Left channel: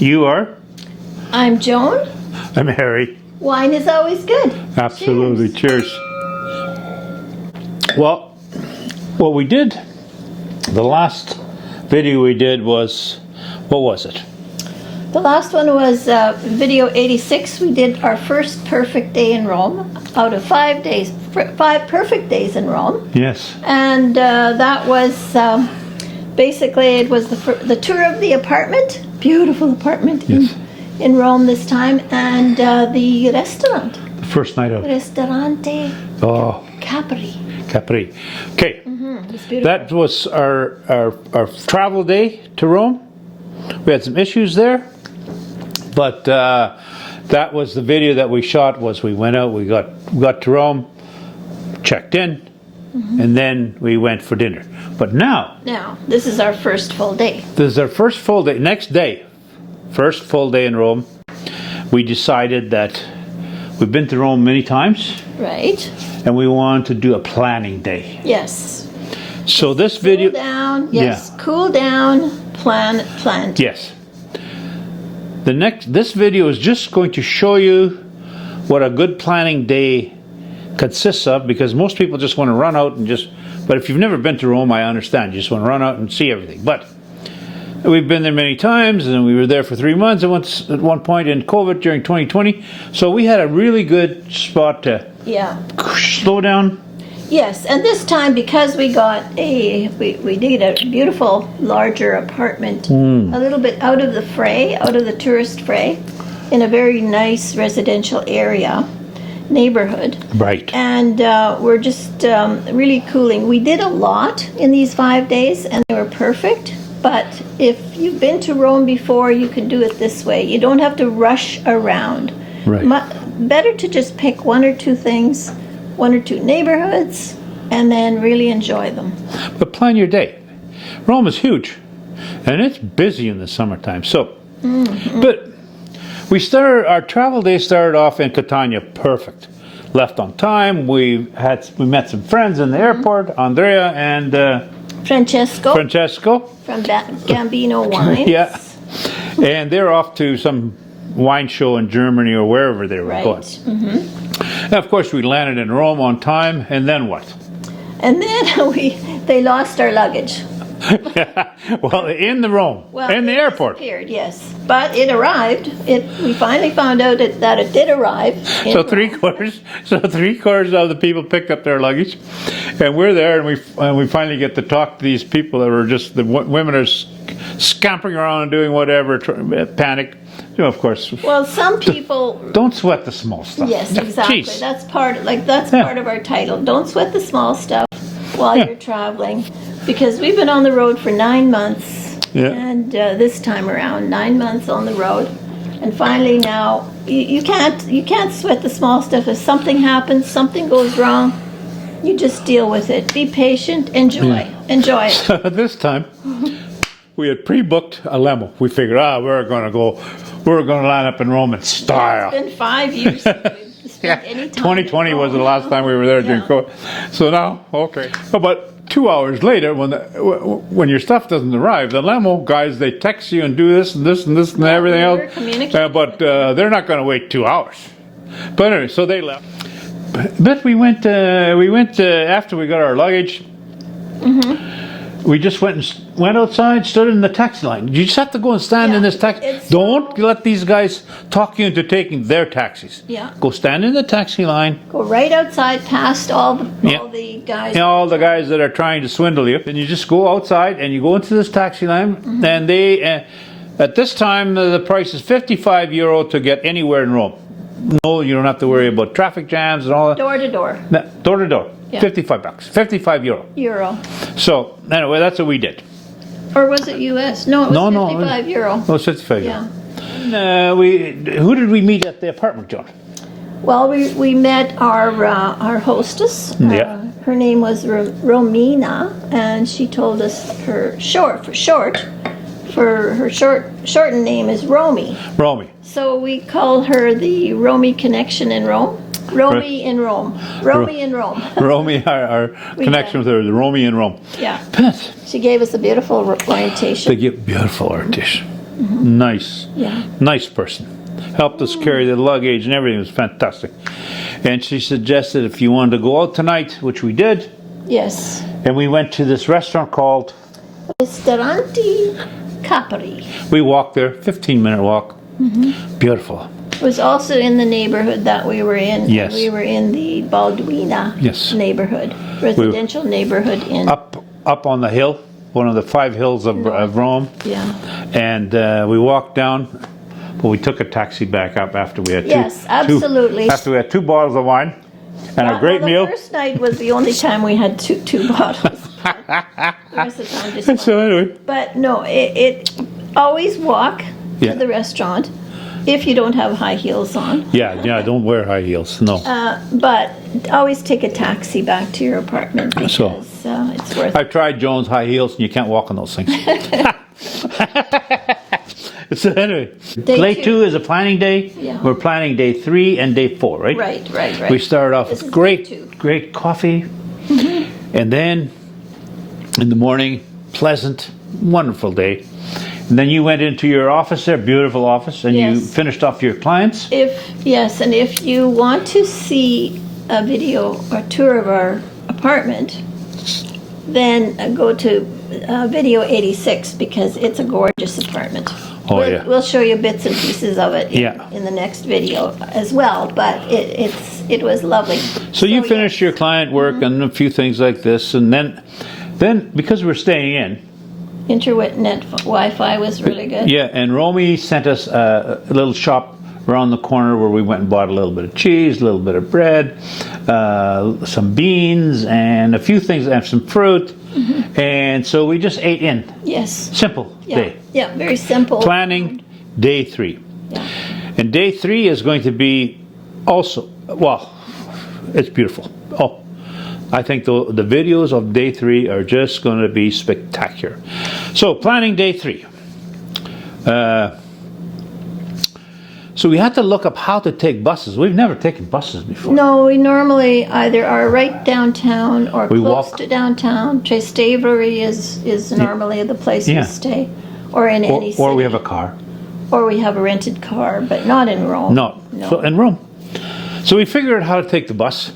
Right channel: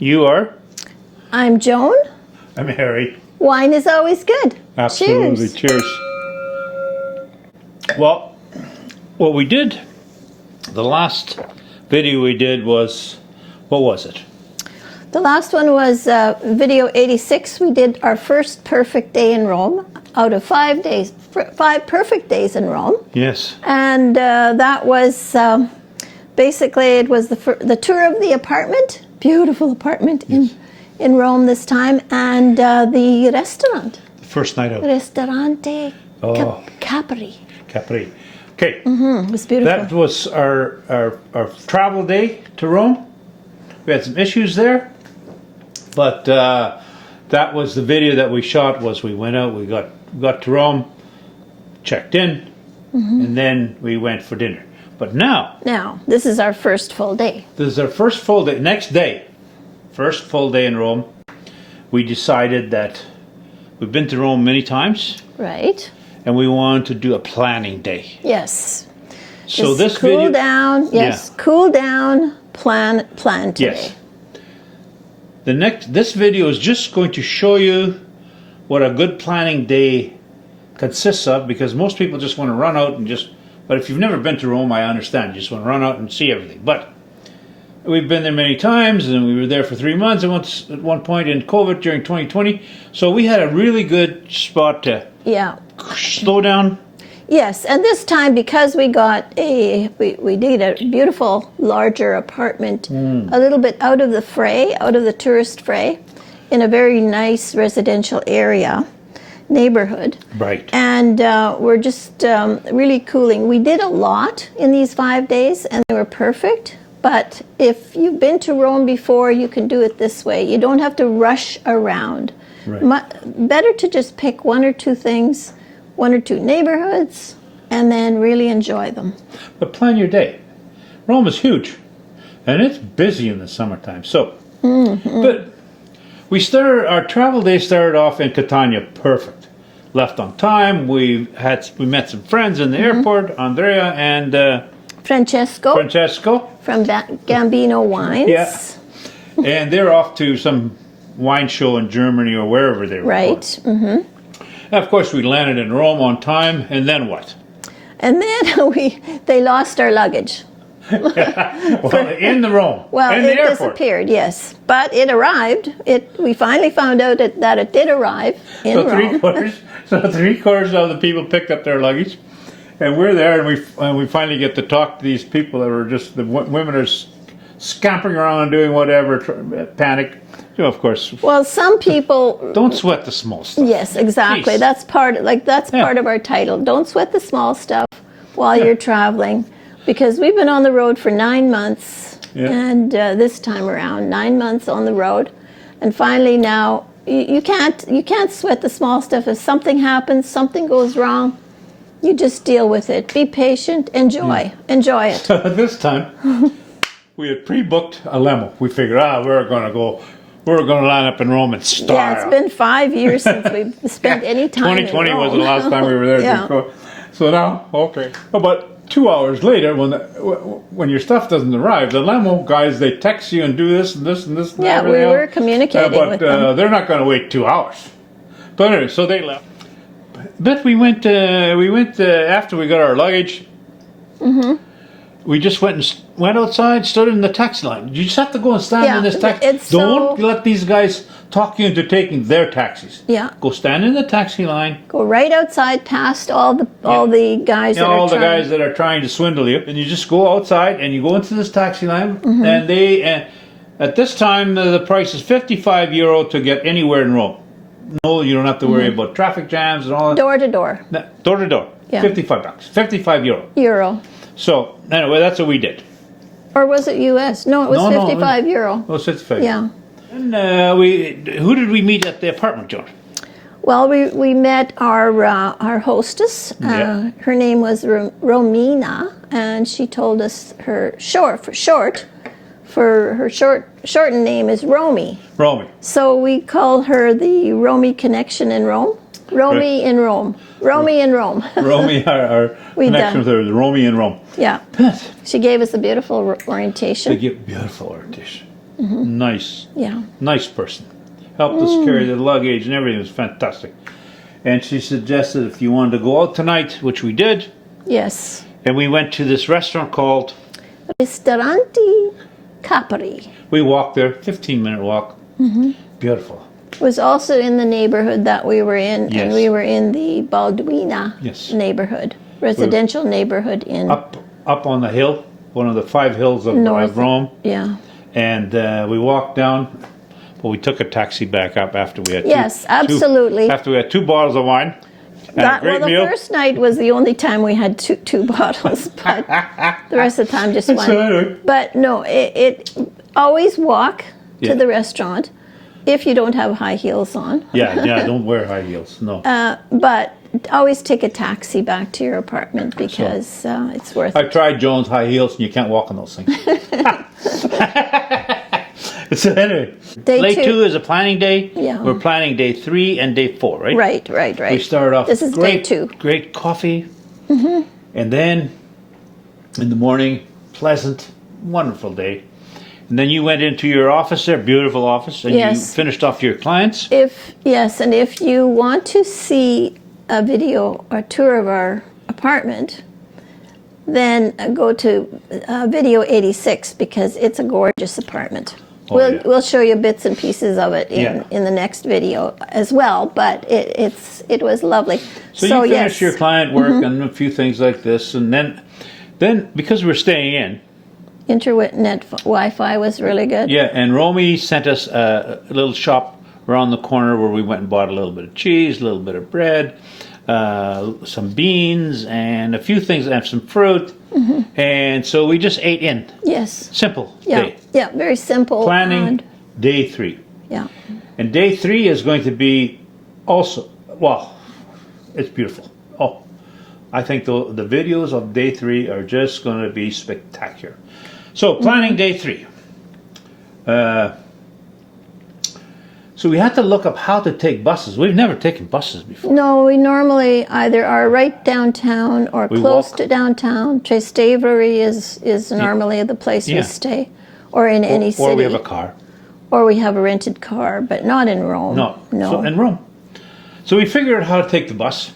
You are? I'm Joan. I'm Harry. Wine is always good. Absolutely. Cheers. Well, what we did, the last video we did was, what was it? The last one was video 86. We did our first perfect day in Rome out of 5 days, 5 perfect days in Rome. Yes. And that was basically, it was the tour of the apartment, beautiful apartment in Rome this time, and the restaurant. The first night out. Ristorante Capperi. Capperi. Okay. It was beautiful. That was our travel day to Rome. We had some issues there, but that was the video that we shot. Was we went out, we got to Rome, checked in, and then we went for dinner. But now this is our first full day. This is our first full day. Next day, first full day in Rome. We decided that we've been to Rome many times, right? And we wanted to do a planning day. Yes. So just this cool video, down. Yes, cool down. Plan today. Yes. This video is just going to show you what a good planning day consists of, because most people just want to run out and but if you've never been to Rome, I understand. You just want to run out and see everything. But we've been there many times, and we were there for 3 months at one point in COVID during 2020. So we had a really good spot to slow down. Yes, and this time, because we got we need a beautiful larger apartment, a little bit out of the fray, out of the tourist fray, in a very nice residential area, neighborhood. Right. And we're just really cooling. We did a lot in these 5 days, and they were perfect. But if you've been to Rome before, you can do it this way. You don't have to rush around. Right. Better to just pick 1 or 2 things, 1 or 2 neighborhoods, and then really enjoy them. But plan your day. Rome is huge, and it's busy in the summertime. So, but our travel day started off in Catania, perfect. Left on time. We met some friends in the airport, Andrea and Francesco from Gambino Wines. Yeah, and they're off to some wine show in Germany or wherever they were going. And of course, we landed in Rome on time, and then what? And then they lost our luggage. Well, in the Rome, in the airport. Disappeared, yes. But it arrived. We finally found out that it did arrive in Rome. Three-quarters of the people picked up their luggage, and we're there, and we finally get to talk to these people that were just, the women are scampering around doing whatever, panic. You know, of course. Well, some people don't sweat the small stuff. Yes, exactly. Jeez. That's part of our title. Don't sweat the small stuff while you're traveling, because we've been on the road for 9 months, and this time around 9 months on the road, and finally now you can't sweat the small stuff. If something happens, something goes wrong, you just deal with it. Be patient. Enjoy it. So this time we had pre-booked a limo. We figured, we're going to line up in Rome in style. Yeah, it's been 5 years since we've spent any time 2020 was the last time we were there. So now, okay. About 2 hours later, when your stuff doesn't arrive, the limo guys, they text you and do this and this and this and everything else. We were communicating with them. They're not going to wait 2 hours. But anyway, so they left. But we went after we got our luggage. We just went outside, stood in the taxi line. You just have to go and stand in this taxi. Don't let these guys talk you into taking their taxis. Yeah. Go stand in the taxi line. Go right outside past all the guys that are trying to swindle you. And you just go outside and you go into this taxi line. And they, at this time, the price is €55 to get anywhere in Rome. No, you don't have to worry about traffic jams and all that. Door to door. Door to door. Yeah. $55. €55. So anyway, that's what we did. Or was it US? No, it was €55. Oh, it's 55. Yeah. Who did we meet at the apartment, John? Well, we met our hostess. Her name was Romina, and she told us her shortened name is Romy. Romy. So we call her the Romy Connection in Rome. Romy in Rome. Romy in Rome. Romy, our connection with her, the Romy in Rome. Yeah. She gave us a beautiful orientation. They give beautiful orientation. Nice. Yeah. Nice person. Helped us carry the luggage and everything. It was fantastic. And she suggested if you wanted to go out tonight, which we did, Yes. and we went to this restaurant called... Ristorante Capperi. We walked there, 15-minute walk. Beautiful. It was also in the neighborhood that we were in. Yes. And we were in the Balduina Yes. neighborhood, residential neighborhood in Up on the hill, one of the 5 hills of Rome. Yeah. And we walked down, but we took a taxi back up after we had Yes, absolutely. after we had 2 bottles of wine and a great meal. The first night was the only time we had two bottles, but the rest of the time just So wine. anyway. But no, it always walk Yeah. to the restaurant if you don't have high heels on. Yeah, don't wear high heels, no. But always take a taxi back to your apartment because it's worth it. I've tried Jones high heels and you can't walk on those things. So anyway, day 2 is a planning day. Yeah. We're planning day 3 and day 4, right? Right. We started off This with is great, day 2. great coffee. And then in the morning, pleasant, wonderful day. And then you went into your office there, beautiful office, and you finished off your clients. And if you want to see a video or tour of our apartment, then go to video 86 because it's a gorgeous apartment. We'll show you bits and pieces of it in the next video as well, but it was lovely. So you finished your client work and a few things like this, and then because we're staying in, internet Wi-Fi was really good. Yeah, and Romy sent us a little shop around the corner where we went and bought a little bit of cheese, a little bit of bread, some beans, and a few things, and some fruit. And so we just ate in. Yes. Simple day. Yeah, very simple. Planning day 3. Yeah. And day 3 is going to be also, well, it's beautiful. Oh, I think the videos of day 3 are just going to be spectacular. So, planning day 3. So we had to look up how to take buses. We've never taken buses before. No, we normally either are right downtown or close to downtown. Trastevere is normally the place we stay, or in any city. Or we have a car. Or we have a rented car, but not in Rome. No. So in Rome. So we figured out how to take the bus.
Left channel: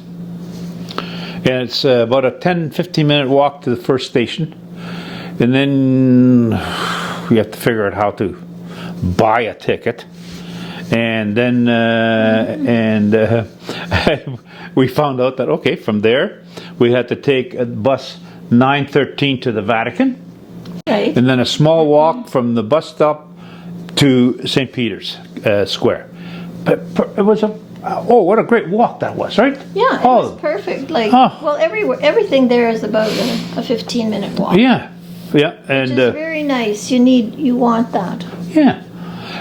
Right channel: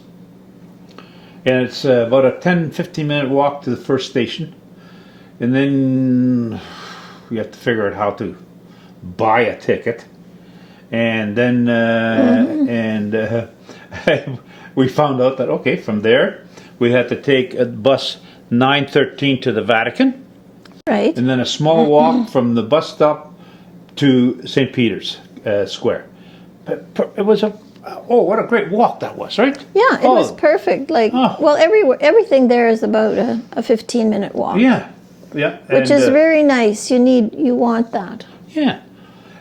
And it's about a 10-15 minute walk to the first station. And then we have to figure out how to buy a ticket. And then we found out that, okay, from there we had to take a bus 913 to the Vatican. Right. And then a small walk from the bus stop to St. Peter's Square. But it was what a great walk that was, right? Yeah, it was perfect. Well, everything there is about a 15-minute walk. Yeah. Which is very nice. You want that. Yeah.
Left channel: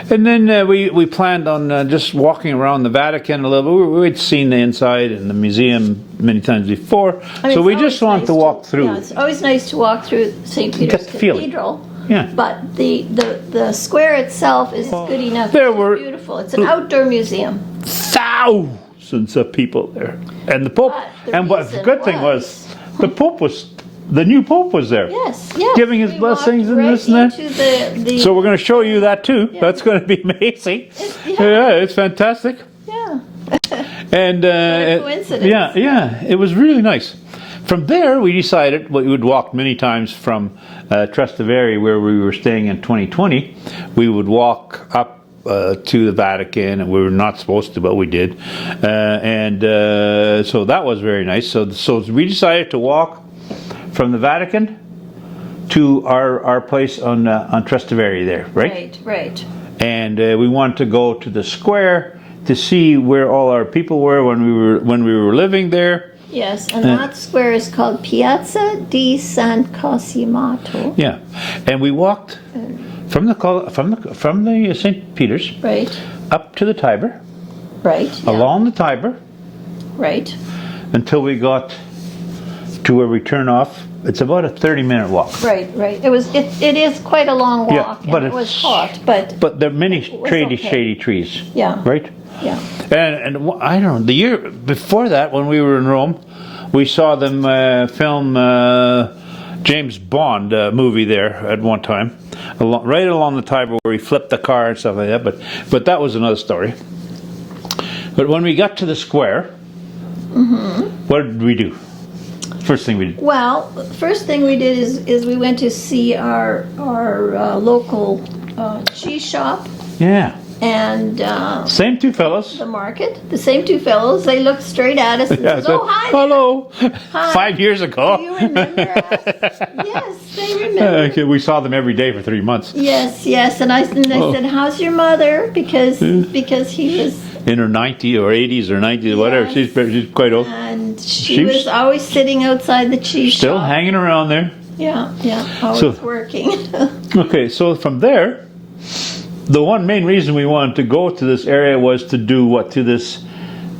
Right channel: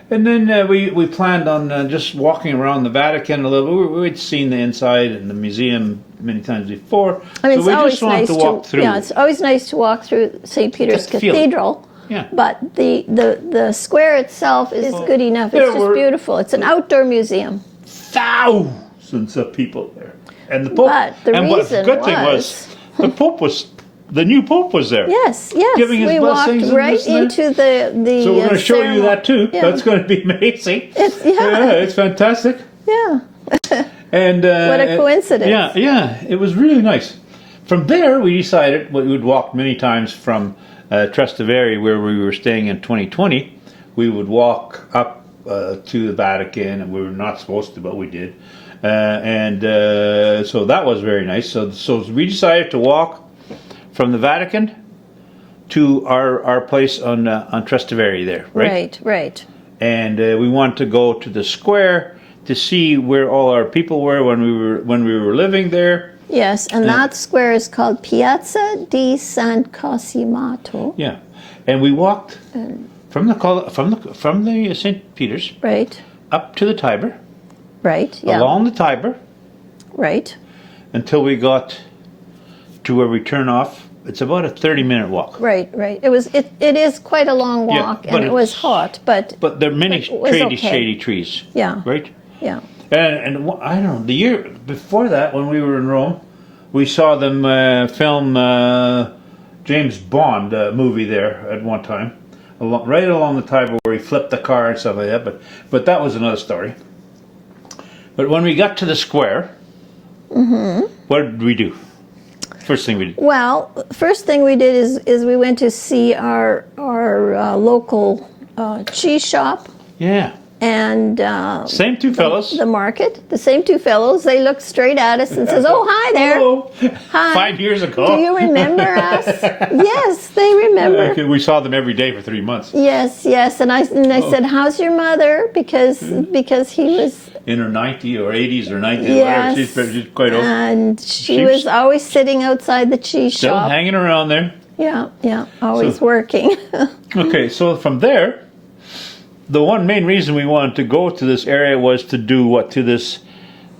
And then we planned on just walking around the Vatican a little bit. We'd seen the inside and the museum many times before. So we just wanted to walk through. Yeah, it's always nice to walk through St. Peter's Cathedral. Yeah. But the square itself is good enough. It's just beautiful. It's an outdoor museum. Thousands of people there. And the Pope. But the good thing was the new Pope was there. Yes. Giving his blessings walked right and this and into the So we're going to show you that too. Yeah. That's going to be amazing. It's fantastic. Yeah. And what a coincidence. Yeah, it was really nice. From there, we decided we would walk many times from Trastevere, where we were staying in 2020. We would walk up to the Vatican, and we were not supposed to, but we did. So that was very nice. So we decided to walk from the Vatican to our place on Trastevere there, right? Right. And we wanted to go to the square to see where all our people were when we were living there. Yes, and that square is called Piazza di San Cosimato. Yeah, and we walked from the St. Peter's up to the Tiber, along the Tiber, until we got to where we turn off. It's about a 30-minute walk. Right. It is quite a long walk, and it was hot, but there are many shady trees. Yeah. Right. Yeah. And I don't know, the year before that, when we were in Rome, we saw them film James Bond movie there at one time. right along the table where we flipped the car and stuff like that. But that was another story. But when we got to the square, what did we do? First thing we did. Well, first thing we did is we went to see our local cheese shop. Yeah. And same two fellows. The market, the same two fellows. They looked straight at us and says, "Oh, hi there." Hello. Hi. 5 years ago. Do you remember us? Yes, they remember. We saw them every day for 3 months. Yes. And I said, "How's your mother?" Because he was in her 90s or 80s or 90s, whatever. She's quite old. And she was always sitting outside the cheese still shop. Hanging around there. Yeah, always working. Okay, so from there, the one main reason we wanted to go to this area was to do what? To this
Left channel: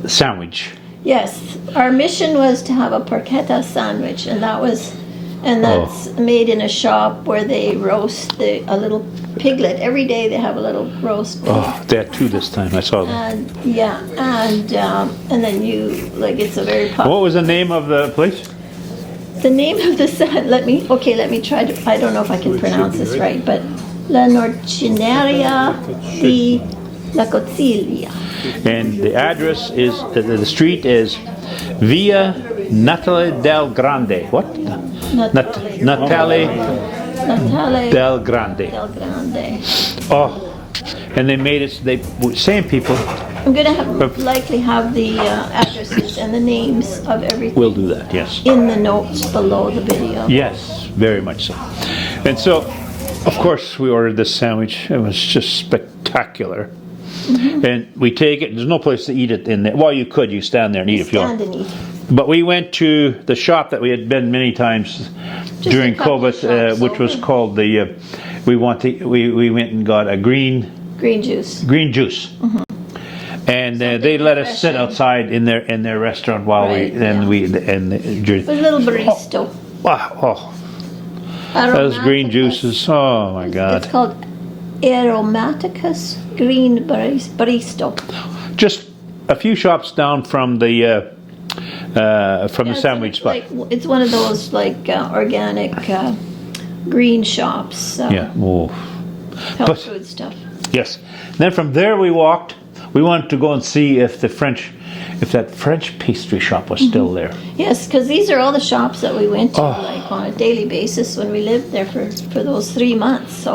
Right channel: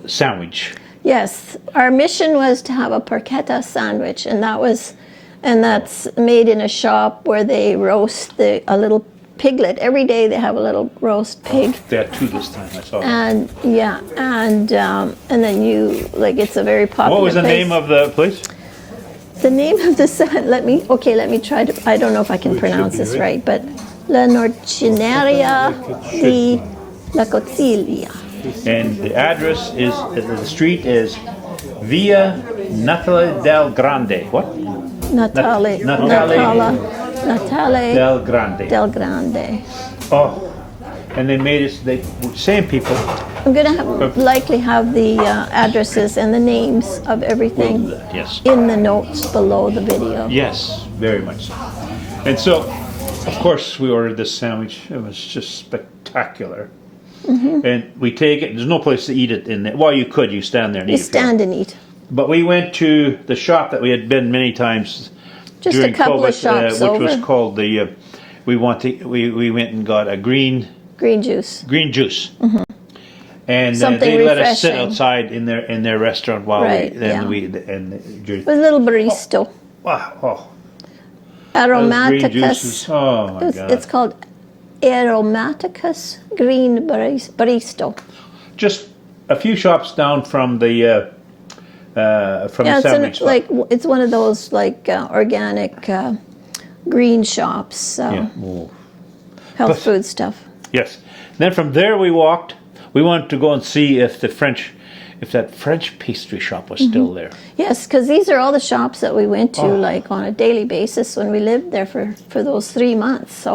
sandwich. Yes, our mission was to have a porchetta sandwich, and that's made in a shop where they roast a little piglet. Every day they have a little roast pig. Oh, they had two this time. I saw that. And then you it's a very popular. What was the place. name of the place? The name of the let me try to. I don't know if I can pronounce this right, but La Norcineria di La Coziglia. And the address is the street is Via Natale del Grande. What? Natale del Grande. Del Grande. Oh, and they made it. Same people. I'm going to likely have the addresses and the names of everything. We'll do that. Yes. In the notes below the video. Yes, very much so. And so, of course, we ordered this sandwich. It was just spectacular. And we take it. There's no place to eat it in there. Well, you could. You stand there and eat it. Stand and eat. But we went to the shop that we had been many times during COVID, which was called the. We went and got a green juice. And they let us sit outside in their restaurant while a little barista. Wow! Aromaticus. Green juices. Oh my God! It's called Aromaticus Green Barista. Just a few shops down from the sandwich spot. It's one of those organic green shops. Health food stuff. Yes. Then from there we walked. We wanted to go and see if that French pastry shop was still there. Yes, because these are all the shops that we went to on a daily basis when we lived there for those 3 months.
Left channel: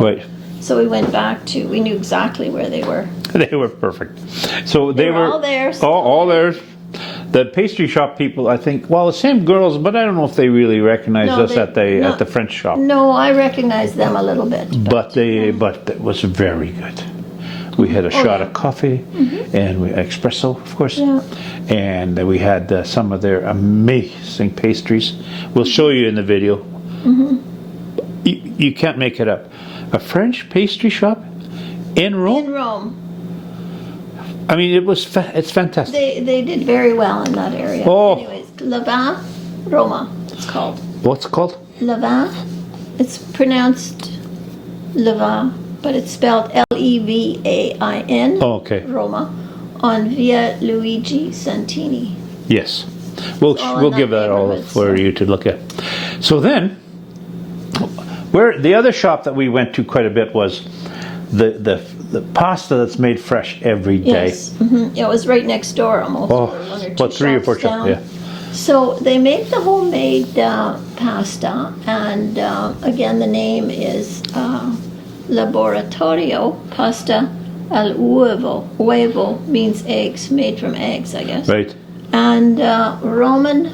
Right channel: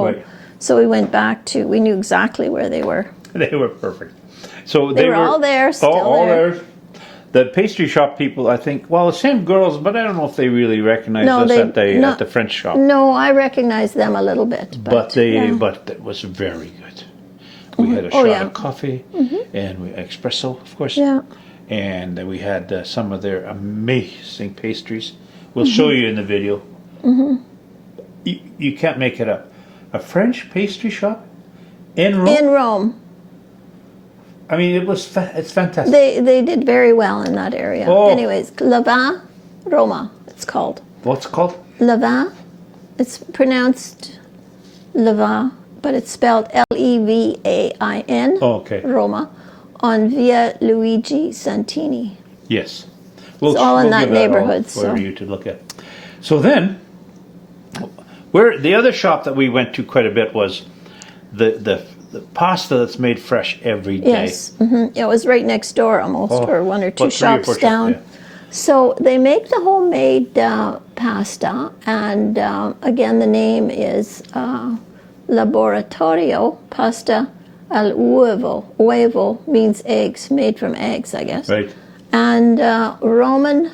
So we went back to. We knew exactly where they were. They were perfect. So they were all there. All there. The pastry shop people, I think, the same girls, but I don't know if they really recognized us at the French shop. No, I recognized them a little bit. But it was very good. We had a shot of coffee and espresso, of course. Yeah. And we had some of their amazing pastries. We'll show you in the video. You can't make it up. A French pastry shop in Rome? In Rome. I mean, it's fantastic. They did very well in that area. Anyways, Levain, Roma, it's called. What's it called? Levain. It's pronounced Levain, but it's spelled Levain. Okay. Roma, on Via Luigi Santini. Yes. We'll give that all for you to look at. So then, the other shop that we went to quite a bit was the pasta that's made fresh every day. Yes, it was right next door almost, or one or two shops down. Yeah. So they make the homemade pasta, and again the name is Laboratorio Pasta al Uovo. Uovo means eggs, made from eggs, I guess. Right. And Roman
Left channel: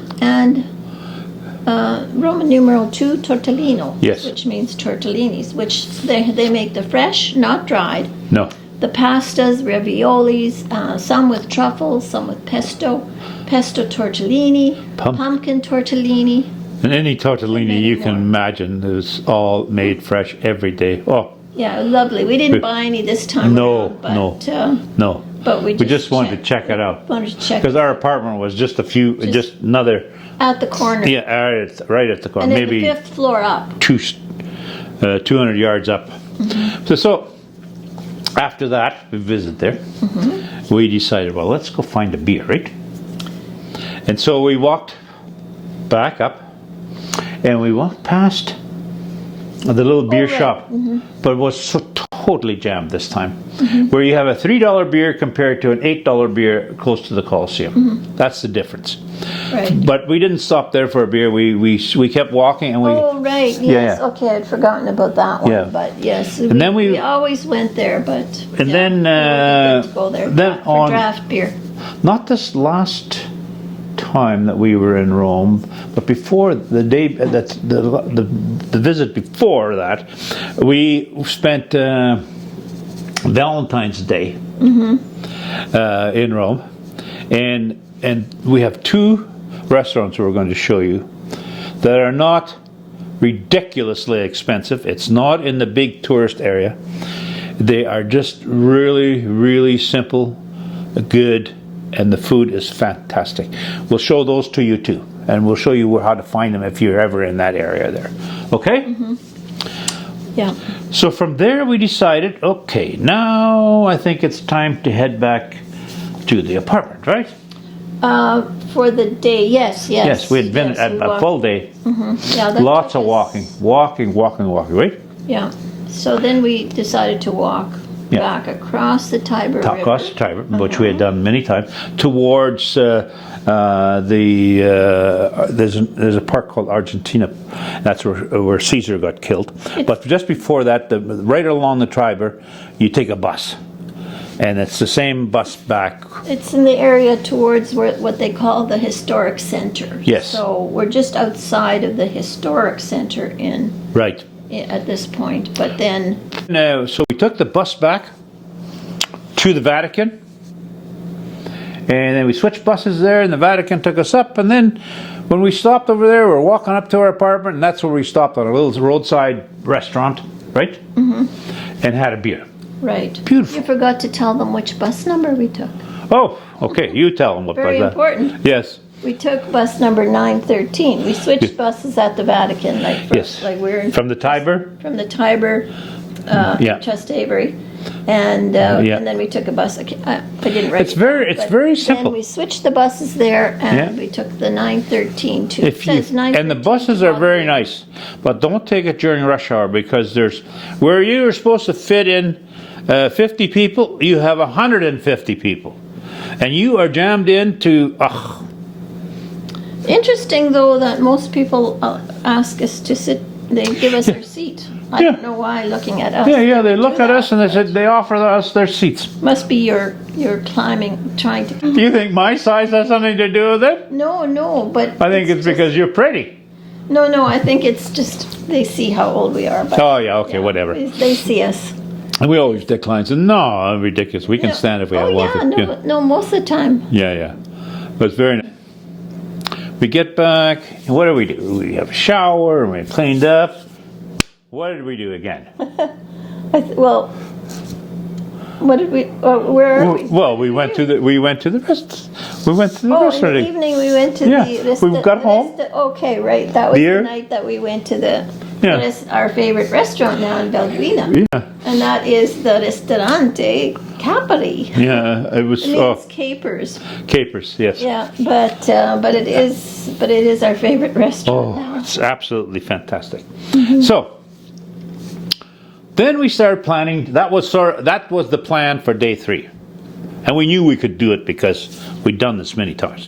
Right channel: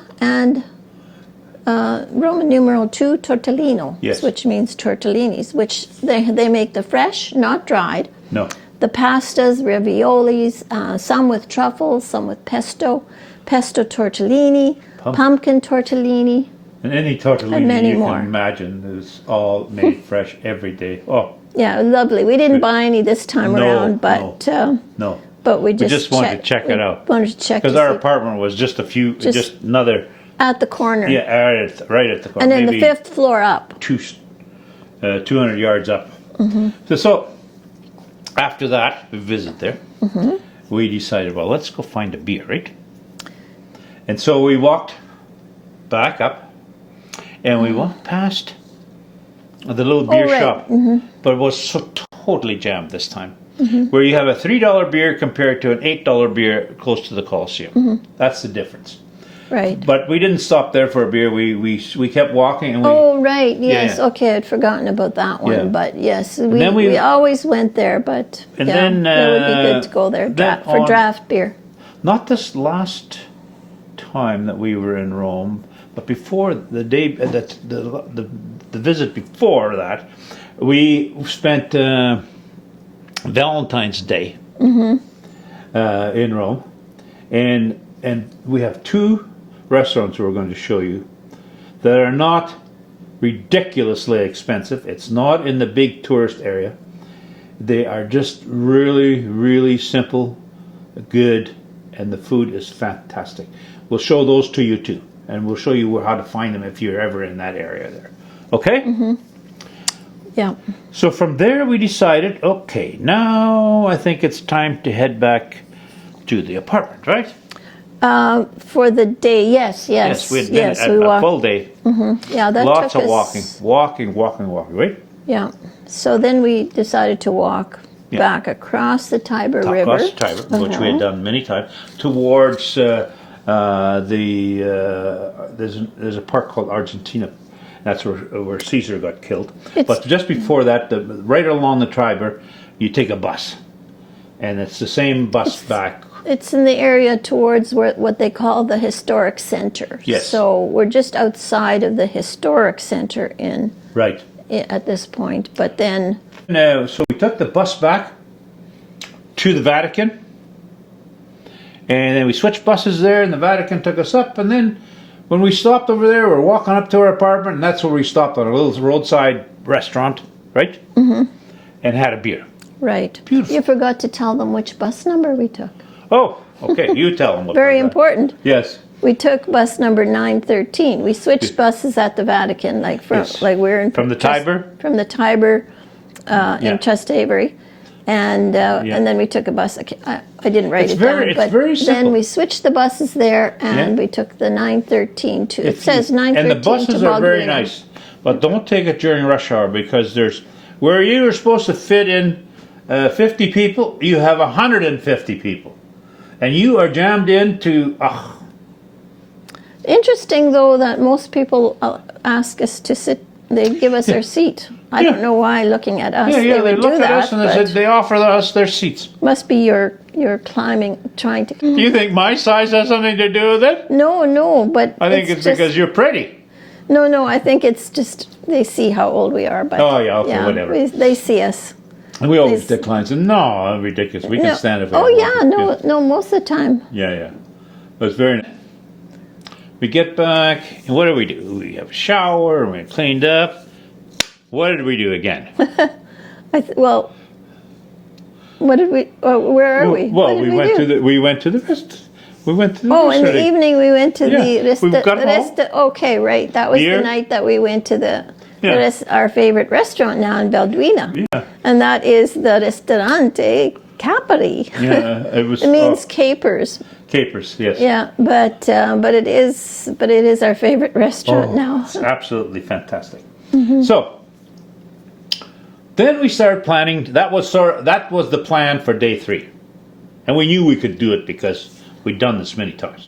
numeral 2 tortellino, which means tortellinis, which they make the fresh, not dried. No. The pastas, raviolis, some with truffles, some with pesto tortellini, pumpkin tortellini. And any tortellini you can imagine is all made fresh every day. Oh. Yeah, lovely. We didn't buy any this time around, but no. But we just wanted to check it out. Because our apartment was just another. At the corner. Yeah, right at the corner. And then maybe the 5th floor up. 200 yards up. So after that, we visited there. We decided, let's go find a beer, right? And so we walked back up, and we walked past the little beer right. shop, but it was so totally jammed this time. Where you have a $3 beer compared to an $8 beer close to the Colosseum. That's the difference. Right. But we didn't stop there for a beer. We kept walking, and we. Oh right, yes. Yeah. Okay, I'd forgotten about that one. Yeah. But yes, And then we always went there. But And yeah, then, it would be good to go there for draft beer. Not this last time that we were in Rome, but before the day that the visit before that, we spent Valentine's Day in Rome, and we have 2 restaurants we're going to show you that are not ridiculously expensive. It's not in the big tourist area. They are just really, really simple, good, and the food is fantastic. We'll show those to you too, and we'll show you how to find them if you're ever in that area there. Okay? Yeah. So from there we decided, okay, now I think it's time to head back to the apartment, right? For the day, yes. Yes, we had been a full day. Yeah, that Lots took of us, walking, right? Yeah. So then we decided to walk back across the Tiber River. Across the Tiber, which we had done many times, towards there's a park called Argentina. That's where Caesar got killed. But just before that, right along the Tiber, you take a bus, and it's the same bus back. It's in the area towards what they call the historic center. Yes. So we're just outside of the historic center Right. at this point. But then, So we took the bus back to the Vatican, and then we switched buses there, and the Vatican took us up, and then when we stopped over there, we were walking up to our apartment, and that's where we stopped at a little roadside restaurant, right? And had a beer. right. Beautiful. You forgot to tell them which bus number we took. Oh, okay, you tell them what Very was that. important. Yes. We took bus number 913. We switched buses at the Vatican, Yes. like we're in From the Tiber? From the Tiber Yeah. in Trastevere. And then we took a bus. I didn't write It's it very- down. it's but very simple. Then we switched the buses there, and we took the 913 to. It says 913 and the buses to are very Bulgaria. nice, but don't take it during rush hour, because there's where you are supposed to fit in 50 people, you have 150 people, and you are jammed into. Interesting, though, that most people ask us to sit. They give us their seat. I don't know why. Looking at us, They would look do at us that, and but they offer us their seats. must be you're climbing, trying to. Do you think my size has something to do with it? No, but I think it's just, because you're pretty. No, I think it's just they see how old we are. But Oh, yeah, okay, whatever. They see us. And we always decline. So no, ridiculous. We can stand if we have No, most of the time. Yeah. But it's very nice. We get back, and what do? We have a shower, and we cleaned up. What did we do again? Well, what did we? Where are we? Well, we went to the restaurant. We went to the Oh, in restaurant. the evening we went to Yeah, the we got home. okay, right. That was Beer. the night that we went to Yeah. our favorite restaurant now in Belgrina. Yeah. And that is the Ristorante Capperi. Yeah, it was It means capers. capers. Yes. Yeah, but it is our favorite restaurant now. It's absolutely fantastic. So then we started planning. That was the plan for day 3, and we knew we could do it because we'd done this many times.